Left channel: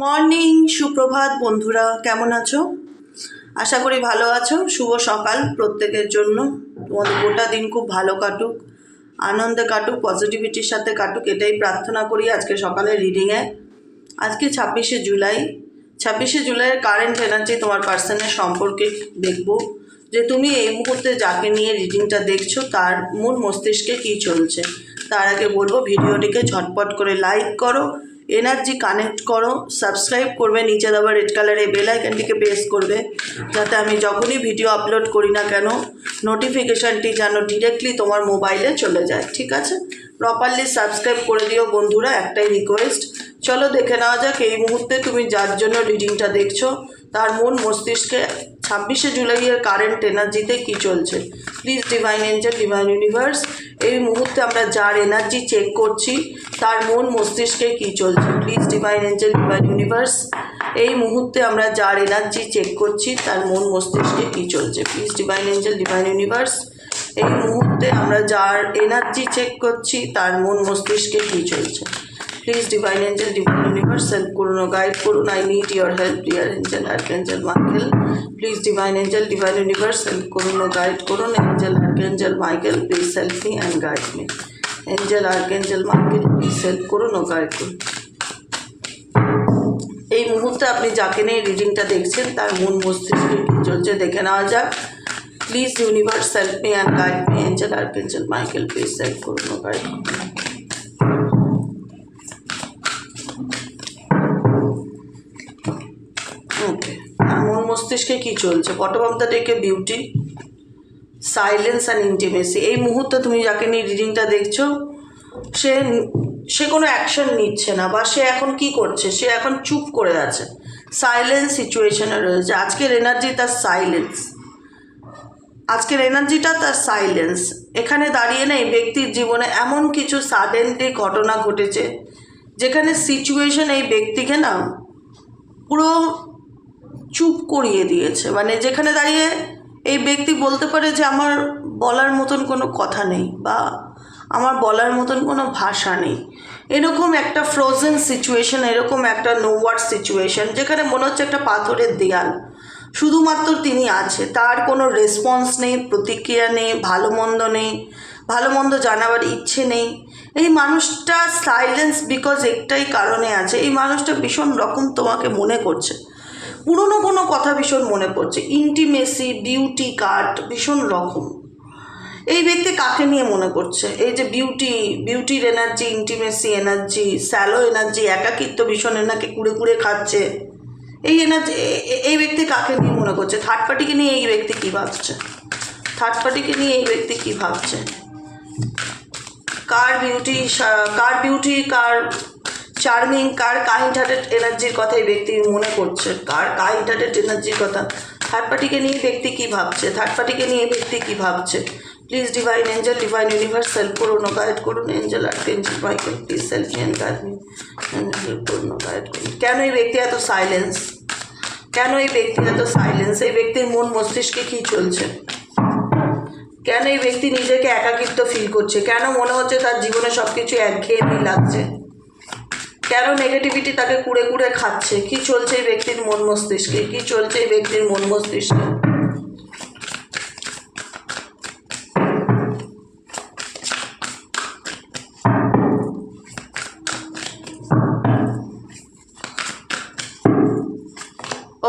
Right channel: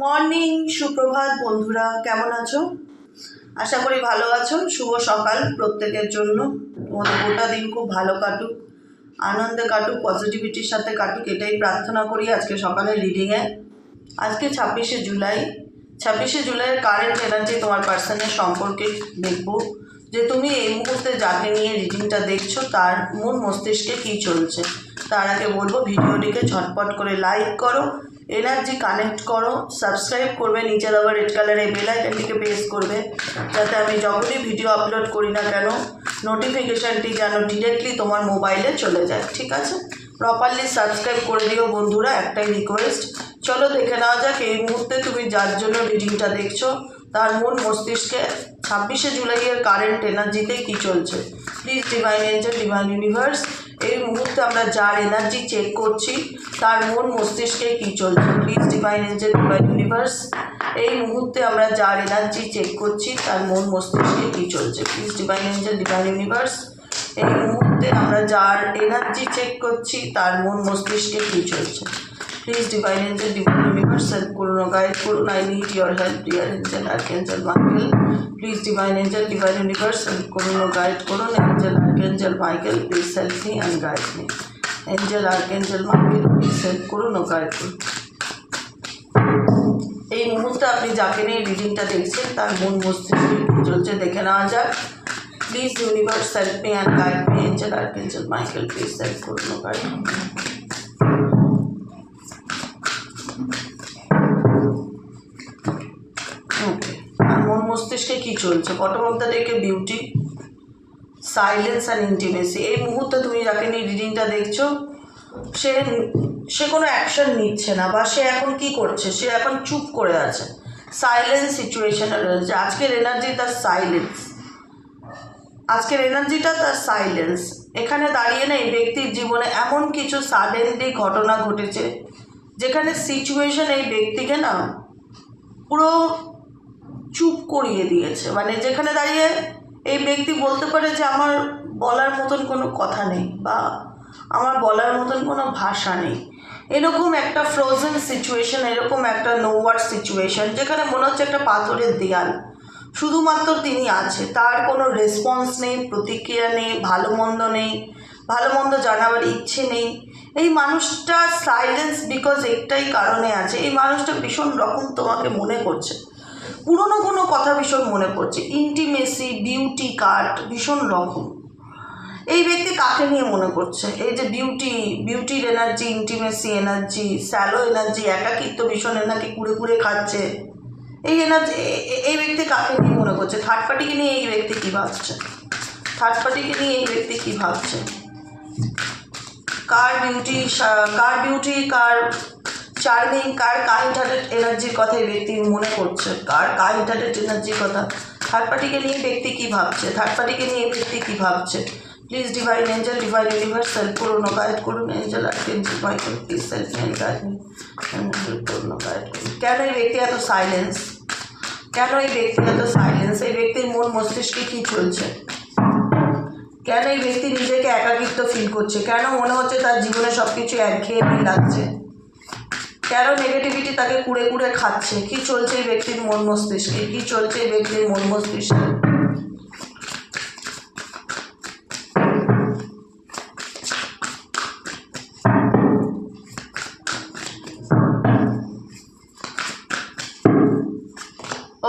Morning, সুপ্রভাত বন্ধুরা, কেমন আছো? আশা করি ভালো আছো। শুভ সকাল প্রত্যেকের জন্য। তোমাদের গোটা দিন খুব ভালো কাটুক, আনন্দে কাটুক, পজিটিভিটির সাথে কাটুক, এটাই প্রার্থনা করি আজকে সকালের রিডিংয়ে। আজকে 26শে জুলাই। 26শে জুলাইয়ের কারেন্ট এনার্জি তোমার পার্সনের সম্পর্কে দেখব যে তুমি এই মুহূর্তে যাকে নিয়ে রিডিংটা দেখছো তার মন মস্তিষ্কে কী চলছে। তার আগে বলবো ভিডিওটিকে ঝটপট করে লাইক করো, এনার্জি কানেক্ট করো, সাবস্ক্রাইব করবে, নিচে দেওয়া রেড কালারের বেল আইকনটিকে প্রেস করবে যাতে আমি যখনই ভিডিও আপলোড করি না কেন নোটিফিকেশানটি যেন ডিরেক্টলি তোমার মোবাইলে চলে যায়। ঠিক আছে, প্রপারলি সাবস্ক্রাইব করে দিও বন্ধুরা, একটাই রিকোয়েস্ট। চলো দেখে নেওয়া যাক এই মুহূর্তে তুমি যার জন্য রিডিংটা দেখছো তার মন মস্তিষ্কে 26শে জুলাইয়ের কারেন্ট এনার্জিতে কী চলছে। Please divine angel, divine universe, এই মুহূর্তে আমরা যার এনার্জি চেক করছি তার মন মস্তিষ্কে কী চলছে। Please divine angel, divine universe, এই মুহূর্তে আমরা যার এনার্জি চেক করছি তার মন মস্তিষ্কে কী চলছে। Please divine angel, divine universe, এই মুহূর্তে আমরা যার এনার্জি চেক করছি তার মন মস্তিষ্কে কী চলছে। Please divine angel, divine universe, help করুন ও গাইড করুন। I need your help dear angel, archangel Michael. Please divine angel, divine universe, help করুন ও গাইড করুন। Angel, archangel Michael, please help me and guide me. Angel, archangel Michael, please help করুন ও guide করুন। এই মুহূর্তে আপনি যাকে নিয়ে রিডিংটা দেখছেন তার মন মস্তিষ্কে কী চলছে দেখে নেওয়া যাক। Please universe help me and guide me. Angel, archangel Michael, please help করুন ও গাইড মি। ওকে, মন মস্তিষ্কে কী চলছে? বটম অফ দ্য ডেকে বিউটি, সাইলেন্স অ্যান্ড ইন্টিমেসি। এই মুহূর্তে তুমি যাকে নিয়ে রিডিংটা দেখছো সে কোনো অ্যাকশন নিচ্ছে না, বা সে এখন কি করছে, সে এখন চুপ করে আছে, সাইলেন্স সিচুয়েশনে রয়েছে। আজকের এনার্জি তার সাইলেন্স, আজকের এনার্জিটা তার সাইলেন্স। এখানে দাঁড়িয়ে নেই ব্যক্তির জীবনে এমন কিছু সাডেনলি ঘটনা ঘটেছে যেখানে সিচুয়েশন এই ব্যক্তিকে না পুরো চুপ করিয়ে দিয়েছে। মানে যেখানে দাঁড়িয়ে এই ব্যক্তি বলতে পারে যে আমার বলার মতন কোনো কথা নেই, বা আমার বলার মতন কোনো ভাষা নেই। এরকম একটা ফ্রোজেন সিচুয়েশন, এরকম একটা নো ওয়ার্ড সিচুয়েশন যেখানে মনে হচ্ছে একটা পাথরের দেয়াল, শুধুমাত্র তিনি আছে, তার কোনো রেসপন্স নেই, প্রতিক্রিয়া নেই, ভালো মন্দ নেই, ভালো মন্দ জানাবার ইচ্ছে নেই। এই মানুষটা সাইলেন্স বিকজ একটাই কারণে আছে, এই মানুষটা ভীষণ রকম তোমাকে মনে করছে, পুরনো কোনো কথা ভীষণ মনে পড়ছে, ইন্টিমেসি, বিউটি কার্ড ভীষণ রকম। এই ব্যক্তি কাকে নিয়ে মনে করছে? এই যে বিউটির energy, intimacy energy, shallow energy, একাকিত্ব ভীষণ এনাকে কুড়ে কুড়ে খাচ্ছে। এই এনার্জি এই ব্যক্তি কাকে নিয়ে মনে করছে? থার্ড পার্টিকে নিয়ে এই ব্যক্তি কী ভাবছে? থার্ড পার্টিকে নিয়ে এই ব্যক্তি কী ভাবছে? কার বিউটি, কার চার্মিং, কার কাইন্ড হার্টেড এনার্জির কথা এই ব্যক্তি মনে করছে, কার কাইন্ড হার্টেড এনার্জির কথা। থার্ড পার্টিকে নিয়ে ব্যক্তি কী ভাবছে? থার্ড পার্টিকে নিয়ে ব্যক্তি কী ভাবছে? Please divine angel, divine universe, help করুন ও গাইড করুন। Angel, archangel Michael, please help me and guide me. Help করুন ও গাইড করুন। কেন এই ব্যক্তি এত সাইলেন্স? কেন এই ব্যক্তি এত সাইলেন্স? এই ব্যক্তির মন মস্তিষ্কে কী চলছে? কেন এই ব্যক্তি নিজেকে একাকিত্ব ফিল করছে? কেন মনে হচ্ছে তার জীবনে সব কিছু একঘেয়েমি লাগছে? কেন নেগেটিভিটি তাকে কুড়ে কুড়ে খাচ্ছে? কি চলছে এই ব্যক্তির মন মস্তিষ্কে? কি চলছে এই ব্যক্তির মন মস্তিষ্কে?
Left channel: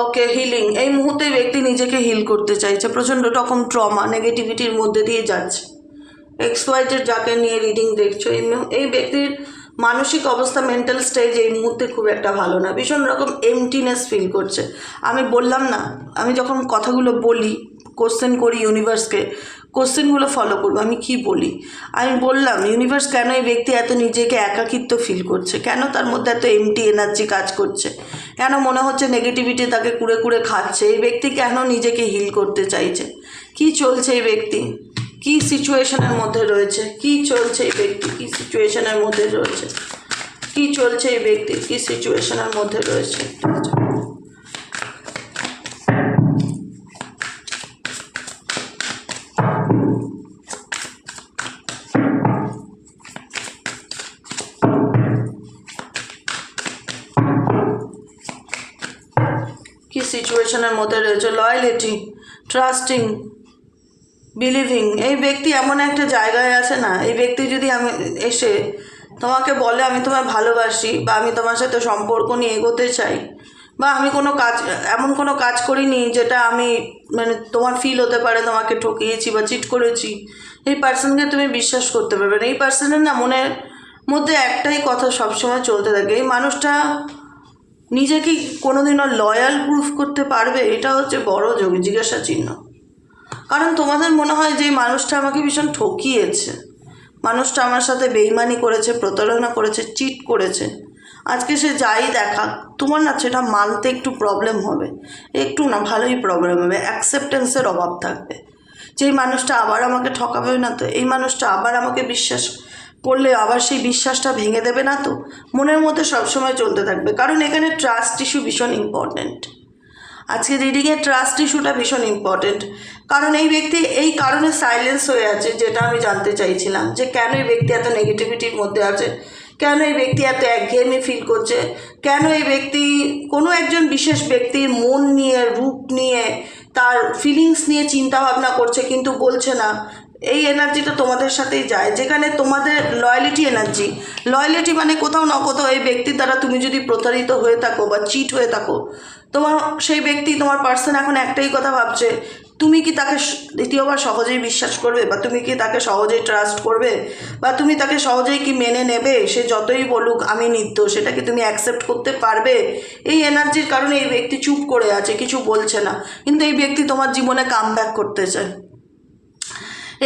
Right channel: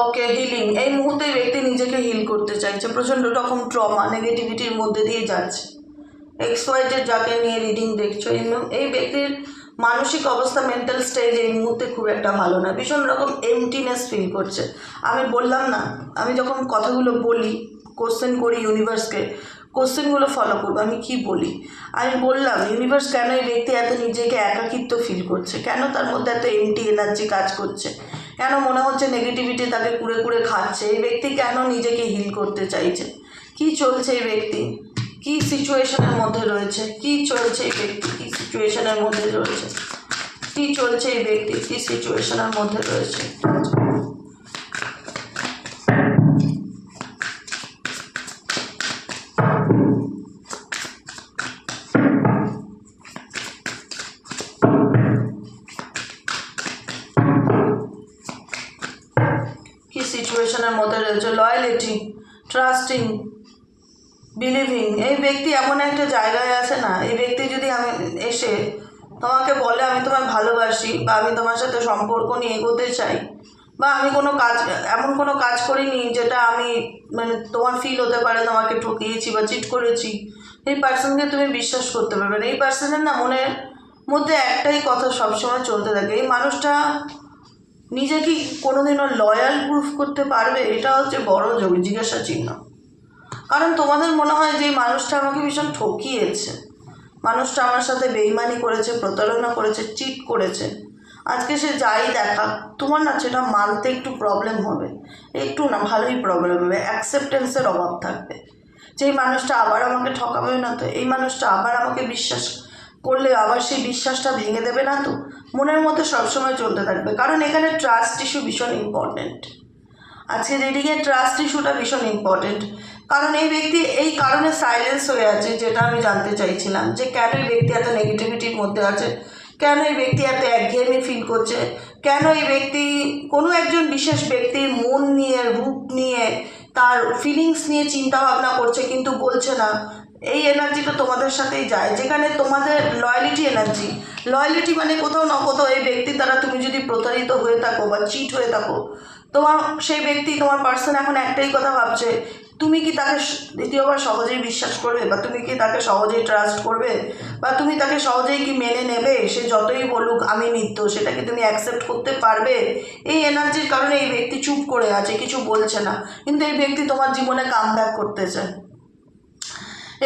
ওকে, হিলিং। এই মুহূর্তে ব্যক্তি নিজেকে হিল করতে চাইছে, প্রচণ্ড রকম ট্রমা, নেগেটিভিটির মধ্যে দিয়ে যাচ্ছে। এক্সওয়াইজেড যাকে নিয়ে রিডিং দেখছো, এই ব্যক্তির মানসিক অবস্থা, মেন্টাল স্টেজ এই মুহূর্তে খুব একটা ভালো না, ভীষণ রকম এমটিনেস ফিল করছে। আমি বললাম না, আমি যখন কথাগুলো বলি, কোশ্চেন করি ইউনিভার্সকে, কোশ্চেনগুলো ফলো করবো। আমি কি বলি? আমি বললাম ইউনিভার্স কেন এই ব্যক্তি এত নিজেকে একাকিত্ব ফিল করছে, কেন তার মধ্যে এত এমটি এনার্জি কাজ করছে, কেন মনে হচ্ছে নেগেটিভিটি তাকে কুড়ে কুড়ে খাচ্ছে, এই ব্যক্তি কেন নিজেকে হিল করতে চাইছে, কি চলছে এই ব্যক্তি, কি সিচুয়েশনের মধ্যে রয়েছে, কি চলছে এই ব্যক্তি, কি সিচুয়েশনের মধ্যে রয়েছে, কি চলছে এই ব্যক্তি, কি সিচুয়েশনের মধ্যে রয়েছে। সিচুয়েশনের মধ্যে রয়েছে। লয়ালিটি, ট্রাস্টিং, বিলিভিং, এই ব্যক্তি এমন একটা জায়গায় আছে না, এই ব্যক্তি যদি আমি এসে তোমাকে বলে আমি তোমায় ভালোবাসি বা আমি তোমার সাথে সম্পর্ক নিয়ে এগোতে চাই, বা আমি কোনো কাজ, এমন কোনো কাজ করিনি যেটা আমি মানে তোমার ফিল হতে পারে তোমাকে ঠকিয়েছি বা চিট করেছি, এই পার্সনকে তুমি বিশ্বাস করতে পারবে না। এই পার্সনের না মনের মধ্যে একটাই কথা সবসময় চলতে থাকে, এই মানুষটা নিজে কি কোনোদিনও লয়াল প্রুফ করতে পারবে, এটা হচ্ছে বড় জিজ্ঞাসা চিহ্ন। কারণ তোমাদের মনে হয় যে এই মানুষটা আমাকে ভীষণ ঠকিয়েছে, মানুষটা আমার সাথে বেইমানি করেছে, প্রতারণা করেছে, চিট করেছে, আজকে সে যাই দেখা, তোমার না সেটা মানতে একটু প্রবলেম হবে, একটু না ভালোই প্রবলেম হবে, অ্যাকসেপ্টেন্সের অভাব থাকবে যে এই মানুষটা আবার আমাকে ঠকাবে না তো, এই মানুষটা আবার আমাকে বিশ্বাস করলে আবার সেই বিশ্বাসটা ভেঙে দেবে না তো, মনের মধ্যে সবসময় চলতে থাকবে। কারণ এখানে ট্রাস্ট ইস্যু ভীষণ ইম্পর্ট্যান্ট, আজকে রিডিংয়ে ট্রাস্ট ইস্যুটা ভীষণ ইম্পর্টেন্ট। কারণ এই ব্যক্তি এই কারণে সাইলেন্স হয়ে আছে, যেটা আমি জানতে চাইছিলাম যে কেন এই ব্যক্তি এত নেগেটিভিটির মধ্যে আছে, কেন এই ব্যক্তি এত একঘেয়েমি ফিল করছে, কেন এই ব্যক্তি কোনো একজন বিশেষ ব্যক্তির মন নিয়ে, রূপ নিয়ে, তার ফিলিংস নিয়ে চিন্তা ভাবনা করছে কিন্তু বলছে না। এই এনার্জিটা তোমাদের সাথেই যায়, যেখানে তোমাদের লয়ালিটি এনার্জি, লয়ালিটি মানে কোথাও না কোথাও এই ব্যক্তির দ্বারা তুমি যদি প্রতারিত হয়ে থাকো বা চিট হয়ে থাকো, তোমার সেই ব্যক্তি, তোমার পার্সন এখন একটাই কথা ভাবছে, তুমি কি তাকে দ্বিতীয়বার সহজেই বিশ্বাস করবে, বা তুমি কি তাকে সহজেই ট্রাস্ট করবে, বা তুমি তাকে সহজেই কি মেনে নেবে, সে যতই বলুক আমি নিত্য, সেটা কি তুমি অ্যাকসেপ্ট করতে পারবে। এই এনার্জির কারণে এই ব্যক্তি চুপ করে আছে, কিছু বলছে না, কিন্তু এই ব্যক্তি তোমার জীবনে কামব্যাক করতে চায়,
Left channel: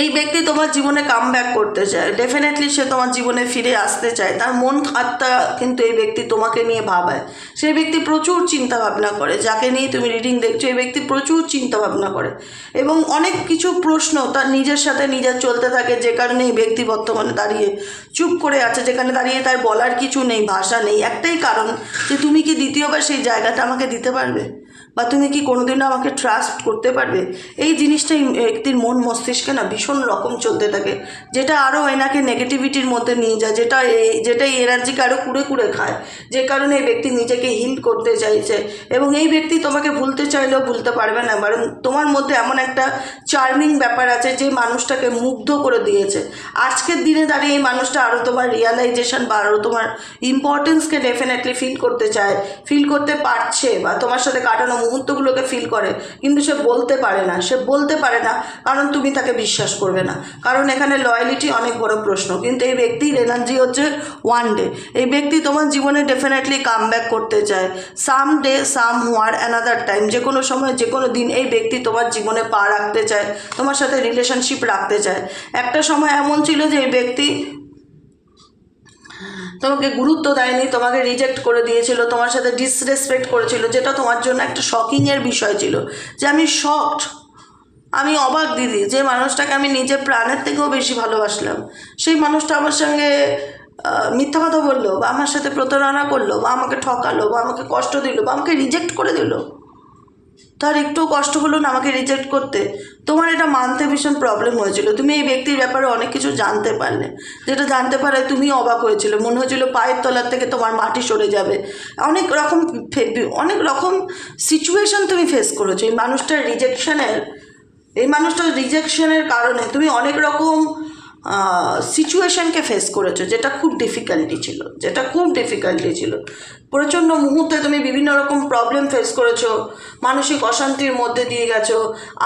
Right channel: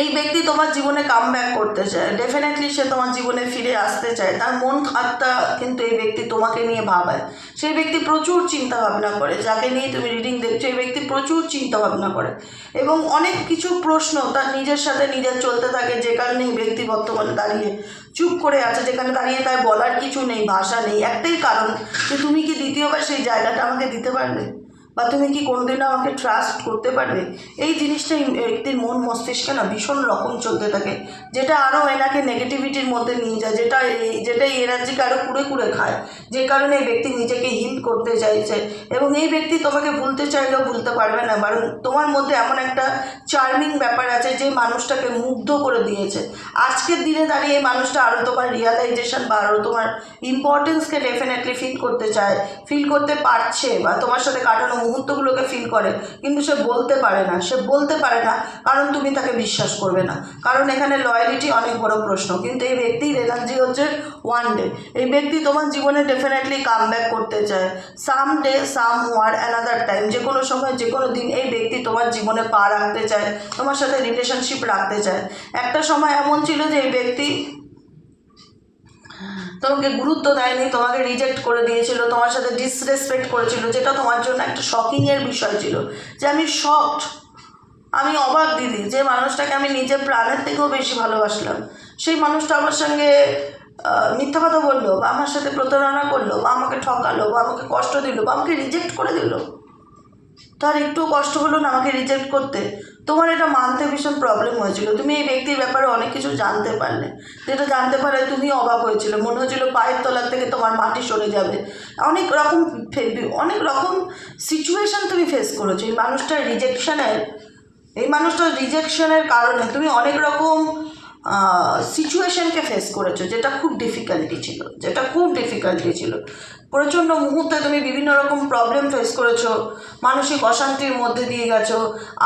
এই ব্যক্তি তোমার জীবনে কামব্যাক করতে চায়, ডেফিনেটলি সে তোমার জীবনে ফিরে আসতে চায়, তার মন আত্মা কিন্তু এই ব্যক্তি তোমাকে নিয়ে ভাবায়, সেই ব্যক্তি প্রচুর চিন্তা ভাবনা করে, যাকে নিয়ে তুমি রিডিং দেখছো এই ব্যক্তি প্রচুর চিন্তা ভাবনা করে এবং অনেক কিছু প্রশ্ন তার নিজের সাথে নিজের চলতে থাকে, যে কারণে এই ব্যক্তি বর্তমানে দাঁড়িয়ে চুপ করে আছে, যেখানে দাঁড়িয়ে তার বলার কিছু নেই, ভাষা নেই, একটাই কারণ যে তুমি কি দ্বিতীয়বার সেই জায়গাটা আমাকে দিতে পারবে, বা তুমি কি কোনোদিনও আমাকে ট্রাস্ট করতে পারবে। এই জিনিসটাই ব্যক্তির মন মস্তিষ্কে না ভীষণ রকম চলতে থাকে, যেটা আরও এনাকে নেগেটিভিটির মধ্যে নিয়ে যায়, যেটা এই এনার্জিকে আরও কুড়ে কুড়ে খায়, যে কারণে এই ব্যক্তি নিজেকে হিল করতে চাইছে এবং এই ব্যক্তি তোমাকে ভুলতে চাইলেও ভুলতে পারবে না। কারণ তোমার মধ্যে এমন একটা চার্মিং ব্যাপার আছে যে মানুষটাকে মুগ্ধ করে দিয়েছে। আজকের দিনে দাঁড়িয়ে এই মানুষটা আরও তোমার রিয়ালাইজেশন বা আরও তোমার ইম্পর্টেন্সকে ডেফিনেটলি ফিল করতে চায়, ফিল করতে পারছে, বা তোমার সাথে কাটানো মুহূর্তগুলোকে ফিল করে, কিন্তু সে বলতে পারে না, কারণ তুমি তাকে বিশ্বাস করবে না, কারণ এখানে লয়ালিটি অনেক বড় প্রশ্ন। কিন্তু এই ব্যক্তির এনার্জি হচ্ছে ওয়ান ডে, এই ব্যক্তি তোমার জীবনে ডেফিনেটলি কামব্যাক করতে চায়, সাম ডে সাম হোয়ার অ্যানাদার টাইম, যে কোনো সময় যে কোনো দিন এই ব্যক্তি তোমার জীবনে পা রাখতে চায়, তোমার সাথে রিলেশনশিপ রাখতে চায়। একটা সময় এমন ছিল যে এই ব্যক্তি তোমাকে গুরুত্ব দেয়নি, তোমাকে রিজেক্ট করে দিয়েছিল, তোমার সাথে ডিসরেসপেক্ট করেছিল, যেটা তোমার জন্য একটা শকিংয়ের বিষয় ছিল, যে আমি শকড, আমি অবাক দিদি, যে মানুষটাকে আমি নিজের প্রাণের থেকেও বেশি ভালোবাসলাম, সেই মানুষটা আমার সঙ্গে মিথ্যা কথা বললো, বা আমার সাথে প্রতারণা করলো, বা আমাকে ঠকালো, বা আমাকে কষ্ট দিল, বা আমাকে রিজেক্ট করে দিল, তার একটু কষ্ট হলো না আমাকে রিজেক্ট করতে, তোমার এটা মানতে ভীষণ প্রবলেম হয়েছিল, তুমি এই ব্যক্তির ব্যাপারে অনেক কিছু জানতে পারলে, যেটা জানতে পারে তুমি অবাক হয়েছিল, মনে হয়েছিল পায়ের তলার থেকে তোমার মাটি সরে যাবে, অনেক রকম সিচুয়েশন তুমি ফেস করেছো এই মানুষটার রিজেকশনের কারণে তুমি অনেক রকম সিচুয়েশনকে ফেস করেছো, যেটা খুব ডিফিকাল্টি ছিল, প্রচণ্ড মুহূর্তে তুমি বিভিন্ন রকম প্রবলেম ফেস করেছো, মানসিক অশান্তির মধ্যে দিয়ে গেছো,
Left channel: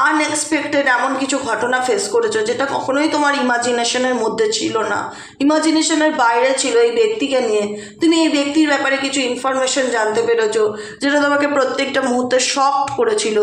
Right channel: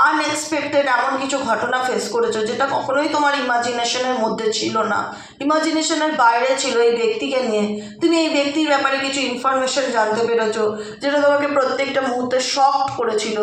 আনএক্সপেক্টেড এমন কিছু ঘটনা ফেস করেছো যেটা কখনোই তোমার ইমাজিনেশনের মধ্যে ছিল না, ইমাজিনেশনের বাইরে ছিল। এই ব্যক্তিকে নিয়ে তুমি এই ব্যক্তির ব্যাপারে কিছু ইনফরমেশন জানতে পেরেছো, যেটা তোমাকে প্রত্যেকটা মুহূর্তে শক করেছিল,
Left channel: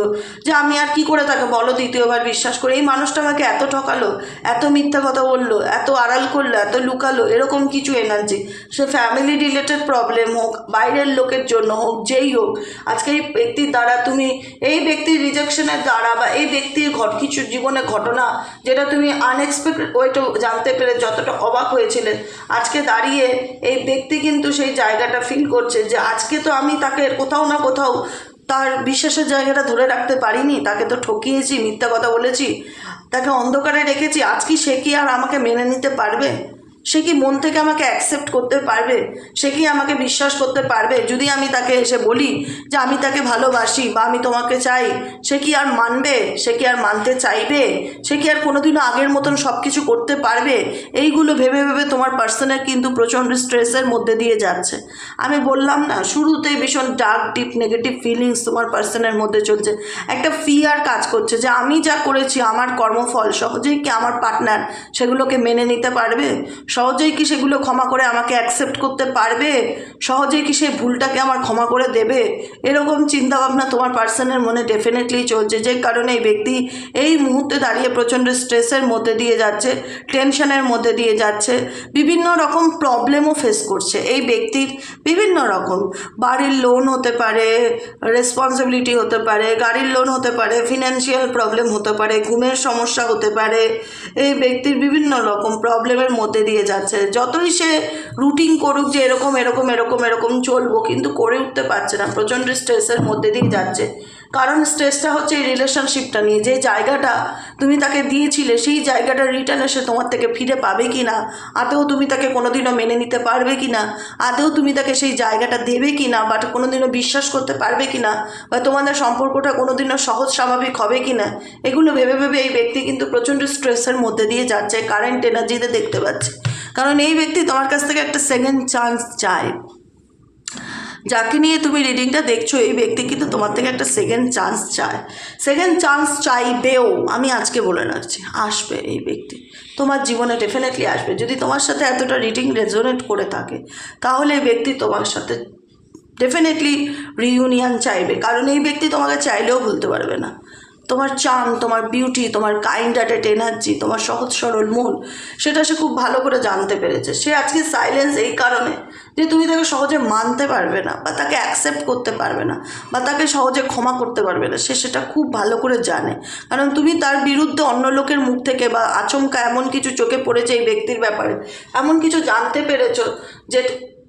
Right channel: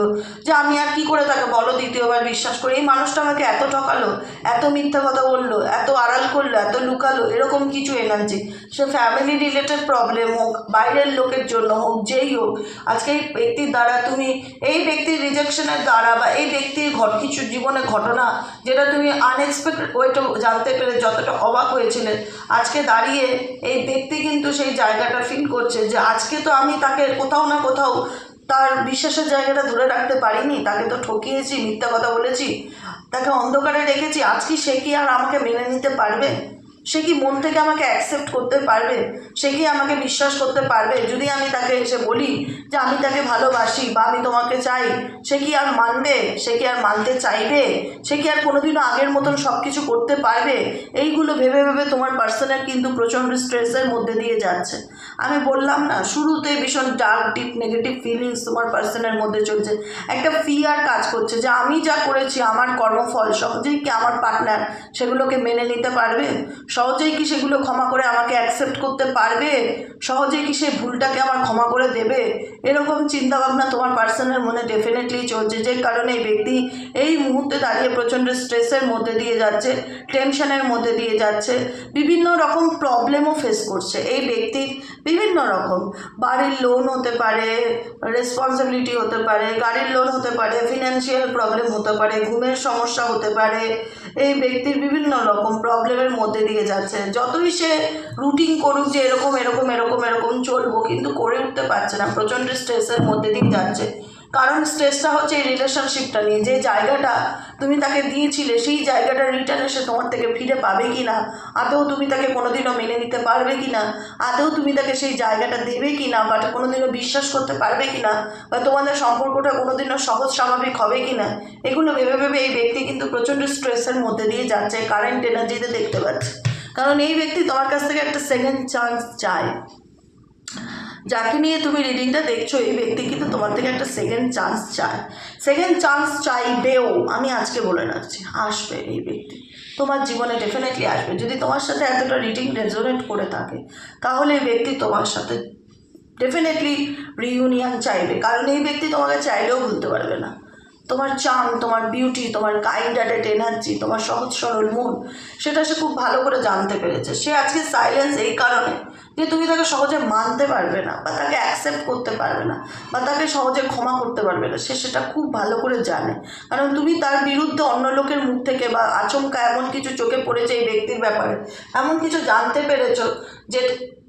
যে আমি আর কি করে তাকে বলো দ্বিতীয়বার বিশ্বাস করে, এই মানুষটা আমাকে এত ঠকালো, এত মিথ্যা কথা বললো, এত আড়াল করলো, এত লুকালো, এরকম কিছু এনার্জি, সে ফ্যামিলি রিলেটেড প্রবলেম হোক, বাইরের লোকের জন্য হোক, যেই হোক, আজকে এই ব্যক্তির দ্বারা তুমি এই ব্যক্তির রিজেকশনের দ্বারা, বা এই ব্যক্তির কিছু জীবনে ঘটনা যেটা তুমি আনএক্সপেক্টেড ওইটা জানতে পেরে যতটা অবাক হয়েছিলে, আজকে দাঁড়িয়ে এই ব্যক্তি কিন্তু সেই জায়গাটা ফিল করছে যে আজকে তো আমি তাকে কোথাও না কোথাও তার বিশ্বাসের জায়গাটা ধরে রাখতে পারিনি, তাকে তো ঠকিয়েছি, মিথ্যা কথা বলেছি, তাকে অন্ধকারে রেখেছি, আজকে সে কি আর আমাকে মেনে নিতে পারবে। সে কি মন থেকে আমাকে অ্যাকসেপ্ট করতে পারবে? সে কি আমাকে বিশ্বাস করতে পারবে? যদি আমি তাকে এসে বলি যে আমি তাকে ভালোবাসি বা আমি তোমাকে চাই, সে কি আর মানবে? সে কি আর মানতে চাইবে? সে কি আর কোনোদিনও আগের মতন সব কিছু করতে পারবে? এইগুলো ভেবে ভেবে তোমার পার্সনের কিন্তু প্রচণ্ড স্ট্রেসের মধ্যে দিয়ে যাচ্ছে। আমি বললাম না, শুরুতে ভীষণ ডার্ক ডিপ নেগেটিভ ফিলিংস তোমার পার্সনের মধ্যে চলছে। একটা ফিয়ার কাজ করছে যে আমি যা করেছি আমার কর্মফল সহজেই কি আমার পার্টনার সেগুলোকে মেনে নিতে পারবে? সহজেই কি সেগুলো ক্ষমা করে আমাকে অ্যাকসেপ্ট করতে পারবে? সহজেই কি সেই ভুলটাকে আমার ক্ষমা করে দেবে? এরকম চিন্তাভাবনা তোমার পার্সনের মনে ডেফিনেটলি চলছে, যে কারণে এই ব্যক্তি এই মুহূর্তে দাঁড়িয়ে প্রচণ্ড স্ট্রেসের মধ্যে দিয়ে যাচ্ছে, টেনশনের মধ্যে দিয়ে যাচ্ছে, বিভিন্ন রকম প্রবলেমও ফেস করছে। এই ব্যক্তির বিভিন্ন রকম বাড়ির লোন হতে পারে, রেসপন্সিবিলিটি হতে পারে, গাড়ির লোন হতে পারে, ফিনান্সিয়াল প্রবলেম হতে পারে, ঘুমের সমস্যা হতে পারে। এই ব্যক্তির বিভিন্ন রকম প্রবলেমের মধ্যে দিয়ে যাচ্ছে। যতই সে রুটিন করুক যে এরকম এরকম এরকম এরকম চলবো, কিন্তু করে উঠতে পারছে না, প্রচণ্ড স্ট্রেসের মধ্যে দিয়ে যাচ্ছে। কারণ স্ট্রেসটা হচ্ছে এই রিলেশনশিপটা নিয়ে, যে জায়গাটা তুমি তাকে দিয়েছিলে সেই জায়গাটা রিটার্ন এসে তোমার থেকে ফিরে পাবে কি না, আদৌ তুমি তাকে কোনোদিনও মেনে নিতে পারবে কি না, আদৌ তুমি তাকে সেই জায়গাটা দেবে কি না, বা কোনোদিনও বিশ্বাস করতে পারবে কি না, বা তোমাদের সম্পর্কটা কোনোদিনও সহজ স্বাভাবিক হবে কি না, এগুলো ভেবে ভেবে এই ব্যক্তি কিন্তু প্রচণ্ড স্ট্রেসের মধ্যে দিয়ে যাচ্ছে, কারেন্ট এনার্জিতে দেখতে পাচ্ছে। কারণ এই ব্যক্তি তোমার কাছ থেকে একটা সেকেন্ড চান্স চায়। যাকে নিয়ে তুমি রিডিংটা দেখছো, এই ব্যক্তি কিন্তু তোমার থেকে একটা সেকেন্ড চান্স চায়, সেকেন্ড চান্স চাইবেও। আমি আজকে বলে রাখছি, আসবে এই ব্যক্তি তোমার জীবনে, ডেফিনেটলি আসবে। যদি তোমার সাথে এতটা রিডিং রেজোনেট করে থাকে, তাহলে এই ব্যক্তি তোমার সাথে ডেফিনেটলি রিইউনিয়ন চাইবে। কারণ এই ব্যক্তি তোমাকে চাইলেও ভুলতে পারবে না। তোমার চার্ম, তোমার বিউটি, তোমার কাইন্ড হার্টেড এনার্জি, তোমার সহজ সরল মন, সেটা সে খুব ভালো করে জানতে পেরেছে। সে আজকে সাইলেন্স এই কারণে যে তুমি তাকে সহজে মানতে পারবে না, বা তাকে অ্যাকসেপ্ট করতে পারবে না, বা তাকে সহজে ক্ষমা করতে পারবে না। সে সেটা খুব ভালো করে জানে। কারণ তুমি তার বিরুদ্ধে অন্য লোকের মুখ থেকে বা আচমকা এমন কিছু চোখে পড়েছে এই ব্যক্তির ব্যাপারে, এমন কিছু জানতে পেরেছো যে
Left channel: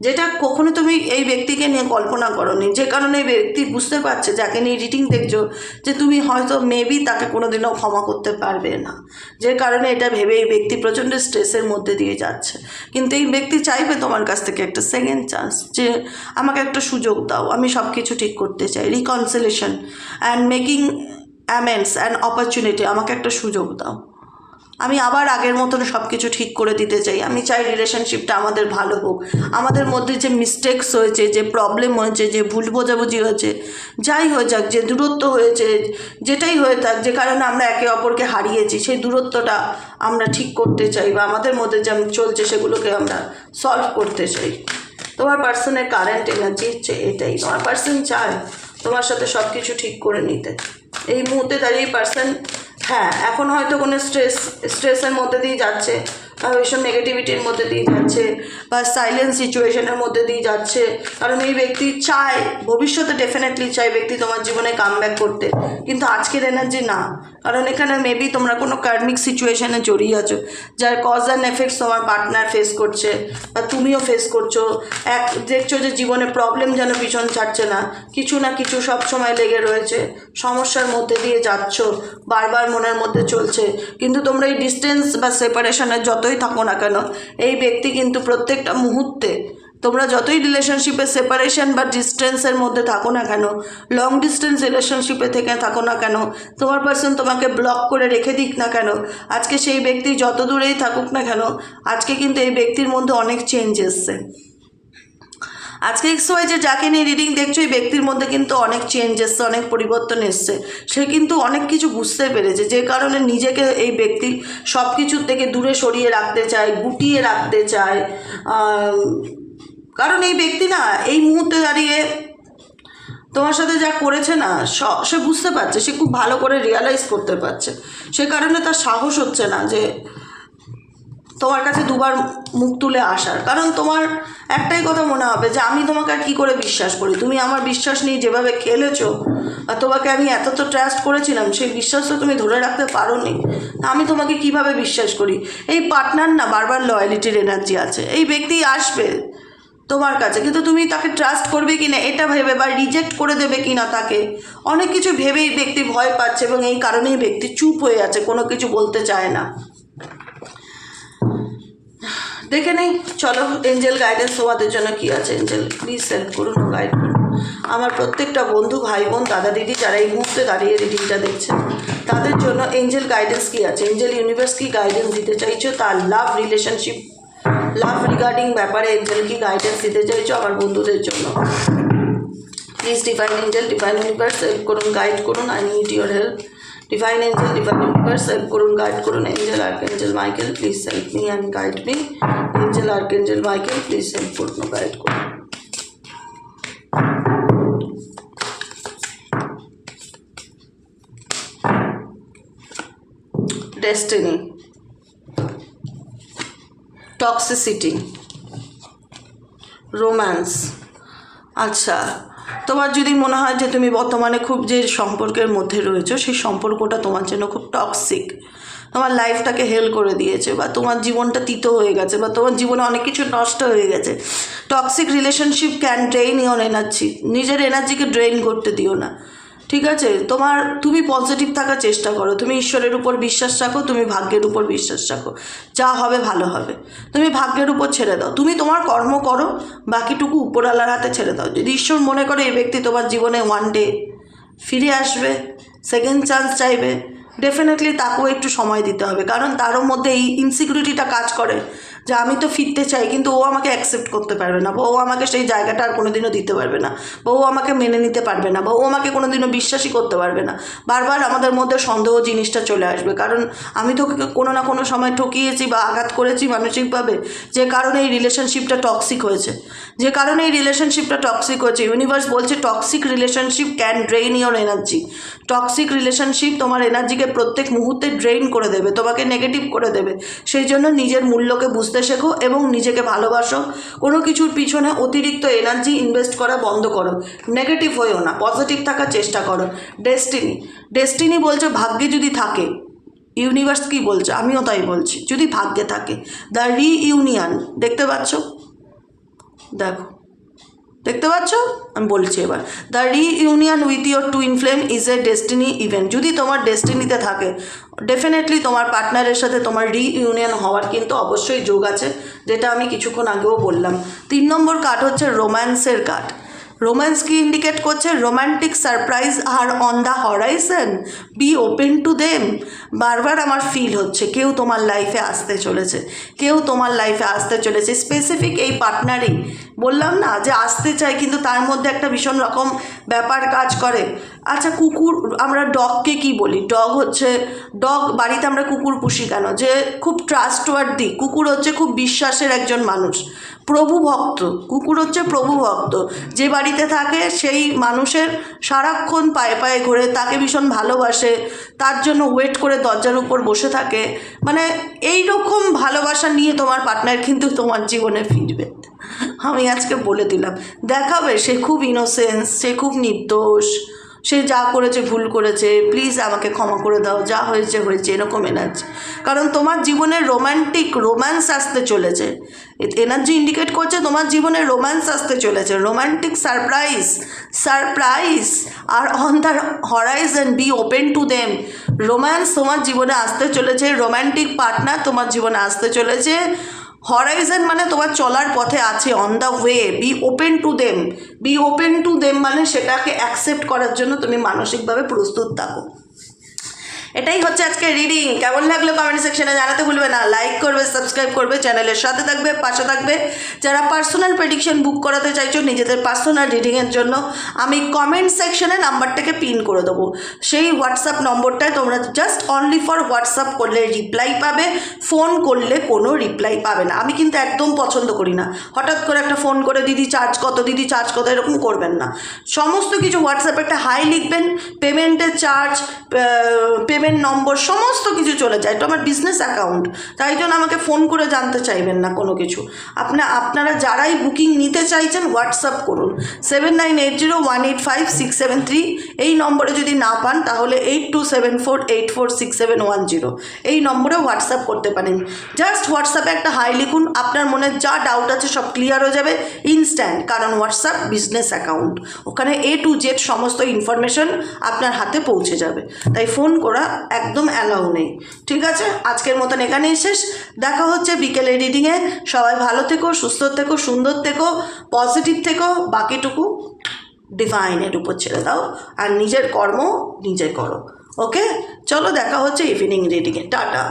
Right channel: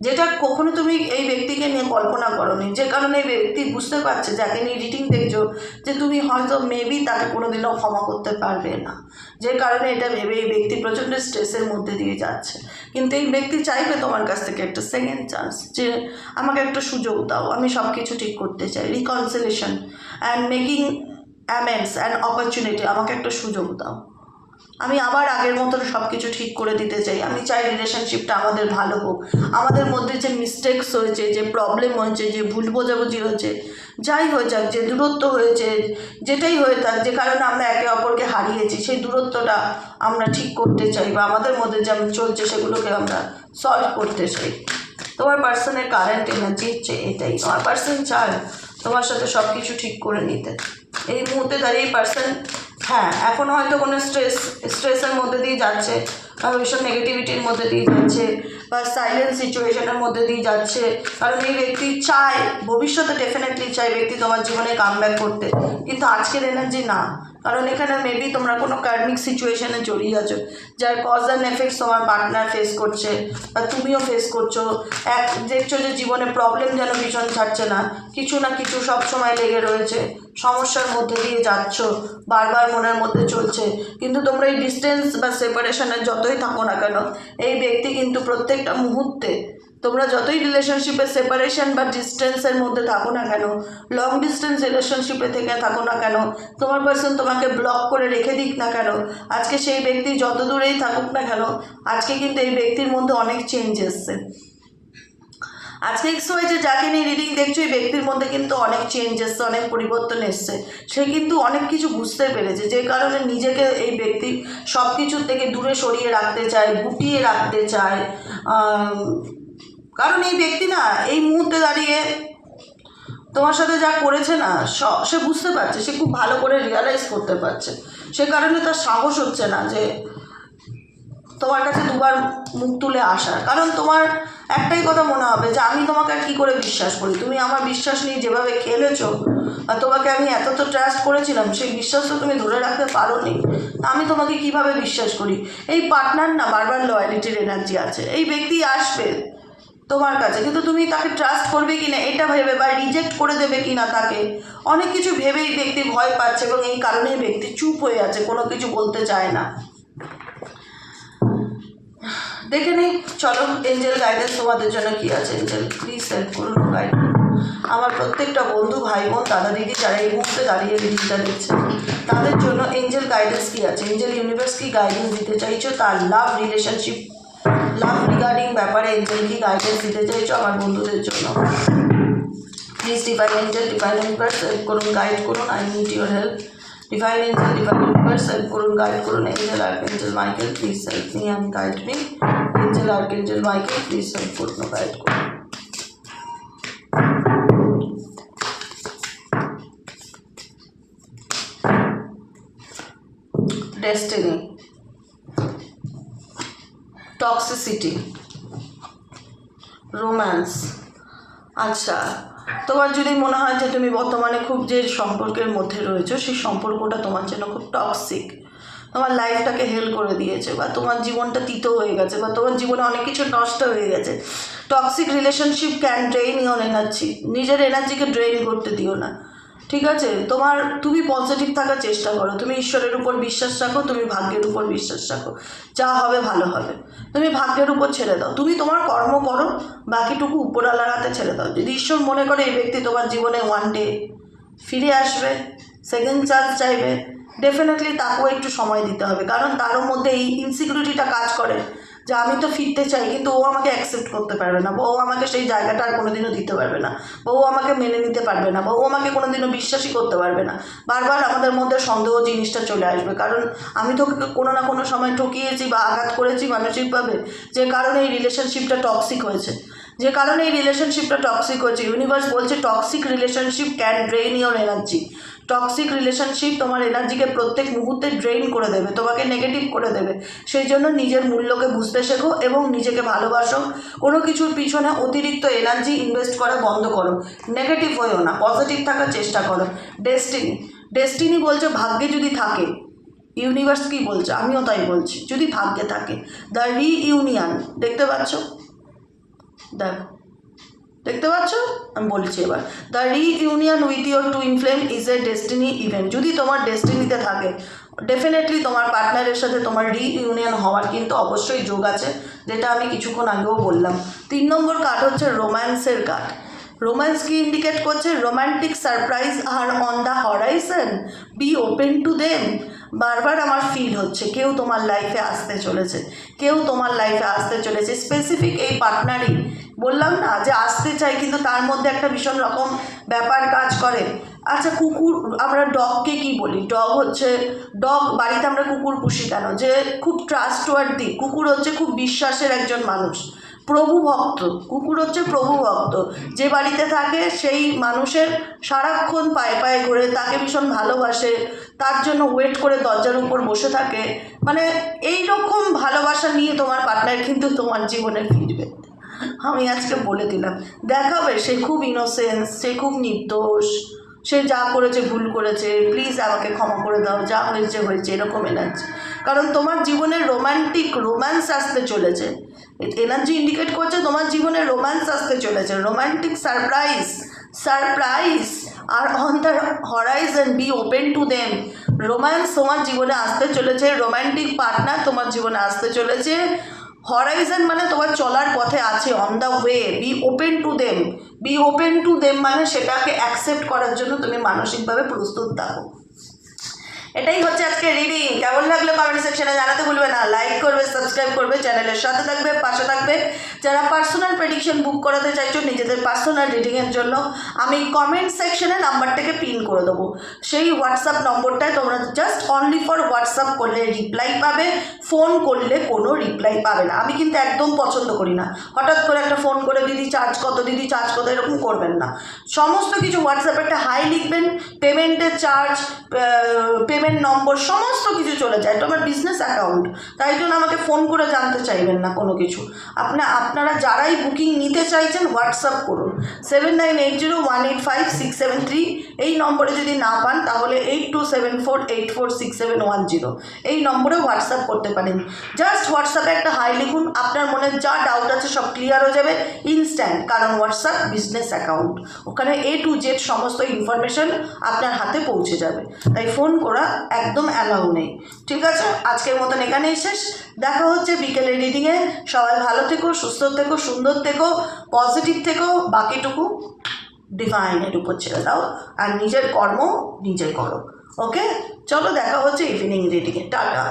যেটা কখনো তুমি এই ব্যক্তিকে নিয়ে কল্পনা করোনি। যে কারণে এই ব্যক্তি বুঝতে পারছে, যাকে নিয়ে রিডিং দেখছো, যে তুমি হয়তো মেবি তাকে কোনোদিনও ক্ষমা করতে পারবে না। যে কারণে এটা ভেবে এই ব্যক্তি প্রচণ্ড স্ট্রেসের মধ্যে দিয়ে যাচ্ছে। কিন্তু এই ব্যক্তি চাইবে তোমার কাছ থেকে একটা সেকেন্ড চান্স, যে আমাকে একটা সুযোগ দাও, আমি সব কিছু ঠিক করতে চাই, reconciliation and making অ্যামেন্ডস and opportunity, আমাকে একটা সুযোগ দাও, আমি আবার আগের মতন সব কিছু ঠিক করে দিতে চাই। আমি চাই রিলেশনশিপটা আমাদের ভালো হোক। আমাদের মধ্যে যে মিস্টেকস হয়েছে, যে প্রবলেম হয়েছে, যে ভুল বোঝাবুঝি হয়েছে, যাই হয়ে যাক, যে দূরত্ব হয়েছে, যেটাই হয়ে থাক, যে কারণে আমরা একে অপরকে হারিয়েছি, সেই দূরত্বটা আমরা ঠিক করতে চাই, বা আমাদের মধ্যে যা চলছে সেগুলোকে আমরা সলভ করতে চাই। তোমার পার্সনের কারেন্ট এনার্জি হচ্ছে এটাই। তোমার পার্সন চায় তোমার সাথে সব কিছু ঠিক করে নিতে। এই মুহূর্তে দাঁড়িয়ে পার্সন, হ্যাঁ, এখন হয়তো কোনো স্ট্রেসের মধ্যে দিয়ে যাচ্ছে, বা ভীষণ নেগেটিভিটির মধ্যে দিয়ে যাচ্ছে, বা সাইলেন্ট সিচুয়েশনের মধ্যে দিয়ে যাচ্ছে। কারণ এই ব্যক্তি চায়, ভবিষ্যতে ডেফিনেটলি চায় ব্যক্তি তোমার জীবনে কামব্যাক করতে, কিন্তু আজকের এনার্জি না। কারণ এখানে মেবি তোমরা কোনো কার্মিক সিচুয়েশনে জড়িয়ে আছো, যার কজ অ্যান্ড এফেক্টস তোমার পার্টনার ফেস করছে, বা তুমিও ফেস করছো। দেখছো যে জীবনে প্রবলেম যেন ভীষণ ছাড়ছে না, কিছু না কিছু সব সময় লেগে রয়েছে, সমস্যার মধ্যে দিয়ে যাচ্ছ, বারবার মনের মধ্যে চলছে। কিন্তু তোমরা এই ডিস্টেন্স বা সেপারেশনে যতই থাকো না কেন, এই ব্যক্তি কিন্তু প্রত্যেকটা মুহূর্তে, তোমরা যতই রিলেশনশিপে সেপারেশন বা ডিস্টেন্সের মধ্যে থাকো না কেন, লং ডিস্টেন্স রিলেশনশিপে থেকে থাকো না কেন, তোমার পার্সন তোমাকে ব্লক করে রেখে দিক না কেন, আজকে সেই ব্যক্তি যত দূরেই থাকুক না কেন, আজকে কিন্তু এই ব্যক্তির মধ্যে অনেক চেঞ্জ এসছে। আজকে XY যে যাকে নিয়ে রিডিং দেখছো, এই ব্যক্তির মধ্যে কিন্তু অনেক চেঞ্জ এসছে, অনেক পরিবর্তন এসছে। সে কিন্তু অনেক কিছু বুঝতে পেরেছে, যে কারণে নিজেকে এই ব্যক্তি সব কিছুর থেকে দূরে সরিয়ে রাখতে চায়, গুটিয়ে রাখতে চায়। কারণ এই ব্যক্তি না এই মুহূর্তে দাঁড়িয়ে তোমার সাথে যা করেছে না, সে বুঝতে পারছে, সে খুব ভালো করে রিয়ালাইজ করতে পারছে। সে কারণে তার সাহস হচ্ছে না যে তোমার কাছে দুবার মুখ তুলে আসার। কারণ তোমার একটাই কথা মনে হবে যে আমি তোমাকে আর কী করে বিশ্বাস করি, তুমি আমার বিশ্বাস নিয়ে যেভাবে খেলেছো, আর তোমাকে আমি এত তো ট্রাস্ট করেছিলাম, সেই বিশ্বাস তো তুমি ধরে রাখতে পারোনি, আমি তোমাকে কিভাবে বিশ্বাস করি। এই পার্টনার না বারবার লয়ালিটির এনার্জি আছে। এই ব্যক্তি আসবে তোমার কাছে, কিন্তু তুমি তাকে ট্রাস্ট করবে কি না এটা ভেবে, বা রিজেক্ট করে দেবে কি না তাকে, অনেক কিছু ভেবেই ব্যক্তি ভয় পাচ্ছে, এবং এই কারণেই ব্যক্তি চুপ হয়ে আছে, কোনো কিছু বলতে চায় না। দেখে নেই, চলো এঞ্জেল গাইডেন্স তোমাদের জন্য কী আছে। এঞ্জেল প্লিজ হেল্প করুন, গাইড করুন আমার প্রত্যেকটা বন্ধু, ভাই বোন, দাদা দিদি যারা এই মুহূর্তে দাঁড়িয়ে রিডিংটা দেখছে, তাদের জন্য এঞ্জেল গাইডেন্স কী আছে, এঞ্জেল ইউনিভার্স কী গাইডেন্স দিতে চাইছো, তার লাভ রিলেশনশিপ, লাভ রিগার্ডিং ব্যাপারে এঞ্জেল কী গাইডেন্স দিতে চাইছো আমার বন্ধুদের জন্য। Please divine angel, divine universe help করুন, গাইড করুন, I need your help. Divine angel, divine universe help করুন, গাইড করুন। Angel archangel Michael please help me and guide me. Angel archangel Michael please help করুন, guide করুন। Destiny, toxicity, romance. আচ্ছা, তোমার যদি মনে হয় যে তুমি বর্তমানে খুব যে সম্পর্কের মধ্যে রয়েছো সেই সম্পর্কটা তোমার জন্য খুব টক্সিক, তোমার লাইফটাকে হেল করে দিয়েছে, বা তোমার জীবনটা তিতো হয়ে গেছে, বা তোমার জীবনে অনেক কিছু নষ্ট হয়ে গেছে। Toxic relationship can drain your energy. নিজের এনার্জিকে ড্রেইন করতে দিও না, ঠিক আছে? তুমি পজিটিভ থাকার চেষ্টা করো, তুমি ঈশ্বরের উপর বিশ্বাস রাখো, তুমি ভাগ্যের উপর বিশ্বাস রাখো, যা হবে ভালো হবে। তুমি ভাগ্যের উপর ছেড়ে দাও, তুমি তোমার কর্ম করো, বাকিটুকু উপরওয়ালার হাতে ছেড়ে দাও। যদি ঈশ্বর মনে করে এই ব্যক্তি তোমার জীবনে ওয়ান ডে ফিরে আসবে, সেকেন্ড চান্স চাইবে, ডেফিনেটলি তাকেও একটু সময় দিতে হবে, কারণ তারও মধ্যে এই ইনসিকিউরিটিটা কাজ করে যে আমি তো ফিরতে চাই কিন্তু ও আমাকে অ্যাকসেপ্ট করতে পারবে না, বা ও আমাকে সেই জায়গাটা আর কোনোদিনও দিতে পারবে না, বা ও আমাকে মেনে নিতে পারবে না, বা ও আমাকে কোনোদিনও বিশ্বাসই করতে পারবে না। বারবার আমাদের মধ্যে সন্দেহ জিনিসটা চলে আসবে, কারণ আমি তো কোনো না কোনো সময় ঠকিয়েছি বা আঘাত করেছি মানসিকভাবে, যে কারণে এই রিলেশনশিপটা টক্সিক হয়েছে, যে কারণে এই রিলেশনশিপটা টক্সিক হয়েছে। ইউনিভার্স বলছে toxic relationship can drain your energy. Toxic relationship তোমার এনার্জিকে প্রত্যেক মুহূর্তে ড্রেইন করে দেবে, তোমাকে নেগেটিভ করে দেবে। সেই জন্য নিজের মূল্যকে বুঝতে শেখো এবং নিজেকে ভালোবাসো। কোনো কিছুর পিছনে অতিরিক্ত এনার্জি ইনভেস্ট করা বন্ধ করো, নেগেটিভ হয়েও না, পজিটিভ থাকার চেষ্টা করো। ডেস্টিনি বলছে ভাগ্যে যদি থাকে, ইউনিভার্স কী বলছে আমিও তাই বলছি, যদি ভাগ্যে থাকে, দ্য রিইউনিয়ন, দেখতে পাচ্ছ? দেখতে পাচ্ছ? আমি বলছি এবার, the reunion with your twin flame is a destiny event. যদি তোমার ডেস্টিনিতে থাকে, ডেফিনেটলি তোমার পার্টনারের সাথে তোমার রিইউনিয়ন হওয়ার কিন্তু অবশ্যই যোগ আছে, যেটা আমি কিছুক্ষণ আগেও বললাম। 3 নম্বর কার্ড হচ্ছে রোম্যান্সের কার্ড। রোম্যান্স কি ইন্ডিকেট করছে? রোম্যান্টিক সারপ্রাইজ আর on the horizon, be open to them. বারবার আমার ফিল হচ্ছে কেউ তোমার লাইফে আসতে চলেছে, কেউ তোমার লাইফে আসতে চলেছে। স্পেসিফিক এই পার্টনারই বললাম না যে আসতে চাই, কিন্তু তার মধ্যে একটা ভীষণ রকম ব্যাপার কাজ করে। আচ্ছা, কুকুর, আমরা ডগকে কি বলি? ডগ বাড়িতে আমরা কুকুর পুষি কেন? যে খুব ট্রাস্টওয়ার্দি। কুকুর হচ্ছে খুব বিশ্বাসের একজন মানুষ, প্রভু ভক্ত। কুকুর হচ্ছে প্রভু ভক্ত, যে বাড়িতে থাকে সেই মানুষের সারাক্ষণ পায়ে পায়ে ঘোরে, তাকে ভীষণ ভালোবাসে, তার জন্য ওয়েট করে দরজার উপর বসে থাকে। মানে এই রকম ভালোবাসা নিয়ে তোমার পার্টনার কিন্তু তোমার জীবনে ফিরবে। আমি আজকে বলে দিলাম, দেখাবে সে খুব ইনোসেন্স, সে খুব নির্দোষ, সে যা করেছে ভুল করেছে, প্লিজ আমাকে ক্ষমা করে দাও, যা হয়েছে হয়েছে, এরকম এনার্জি। কারণ তোমার জীবনে রোম্যান্স আসতে চলেছে। এনার্জি ইন্ডিকেট করছে তোমার জীবনে রোম্যান্স আসতে চলেছে, রোম্যান্টিক সারপ্রাইজ আর on the horizon, be open to them. Romance তোমার জীবনে আসতে চলেছে, রোম্যান্টিক পার্টনার তোমার জীবনে আসতে চলেছে। হরাইজন মানে তোমার চলার পথে আছে, on the way, be open to them মানে সেটাকে অ্যাকসেপ্ট করার জন্য তুমি মানসিকভাবে প্রস্তুত থাকো। এটাই হচ্ছে আজকে রিডিং। কেমন লাগলো কমেন্ট সেকশনে জানাতে ভুলবে না। লাইক করবে, সাবস্ক্রাইব করবে, চ্যানেলের সাথে থাকবে, পাশে থাকবে। যারা পার্সোনাল প্রেডিকশন বুক করাতে চাইছো নিজেদের পার্সোনাল রিডিংয়ের জন্য, আমি কমেন্ট সেকশনে নাম্বারটাকে পিন করে দেবো। সেই হোয়াটসঅ্যাপ নম্বরটায় তোমরা জাস্ট অনলি ফর হোয়াটসঅ্যাপ করলে রিপ্লাই পাবে, ফোন করলে কোনো রিপ্লাই পাবে না। আমি কিন্তু একদম পছন্দ করি না হঠাৎ করে একটা ফোন করে দিদি চার্জ কত এরকম করবেন না। সমস্ত কিছু হোয়াটসঅ্যাপে একটা হাই লিখবেন, পেমেন্টের চার্জ, পেমেন্ট নম্বর সমস্ত কিছু চলে যায়। এটা আমার বিজনেস অ্যাকাউন্ট, তাই জন্য আমাকে ফোন করে জানতে চাইবেন না কোনো কিছু। আপনারা যারাই বুকিং নিতে চাইছেন হোয়াটসঅ্যাপ করুন 7980185673। এই নম্বরে যদি না পান তাহলে 8274846710 এই নম্বরে হোয়াটসঅ্যাপ করতে পারেন। জাস্ট হোয়াটসঅ্যাপে একটা হাই লিখুন, আপনার মনে যা ডাউট আছে সব ক্লিয়ার হয়ে যাবে ইনস্ট্যান্ট, কারণ হোয়াটসঅ্যাপ বিজনেস অ্যাকাউন্ট, ওখানে A to Z সমস্ত ইনফরমেশন আপনার হাতে পৌঁছে যাবে। তাই ফোন করা একদম অ্যালাউ নেই। ঠিক আছে, আজকের মতন এখানেই শেষ। দেখা হচ্ছে বিকেলে রিডিংয়ে। সবাই ভালো থেকো, সুস্থ থেকো, সুন্দর থেকো, পজিটিভ থেকো। বাকিটুকু ডিভাইনের উপর ছেড়ে দাও, আর নিজের কর্ম নিজে করো। ওকে, চলো দেখা হচ্ছে ইভিনিং রিডিংয়ে। টাটা।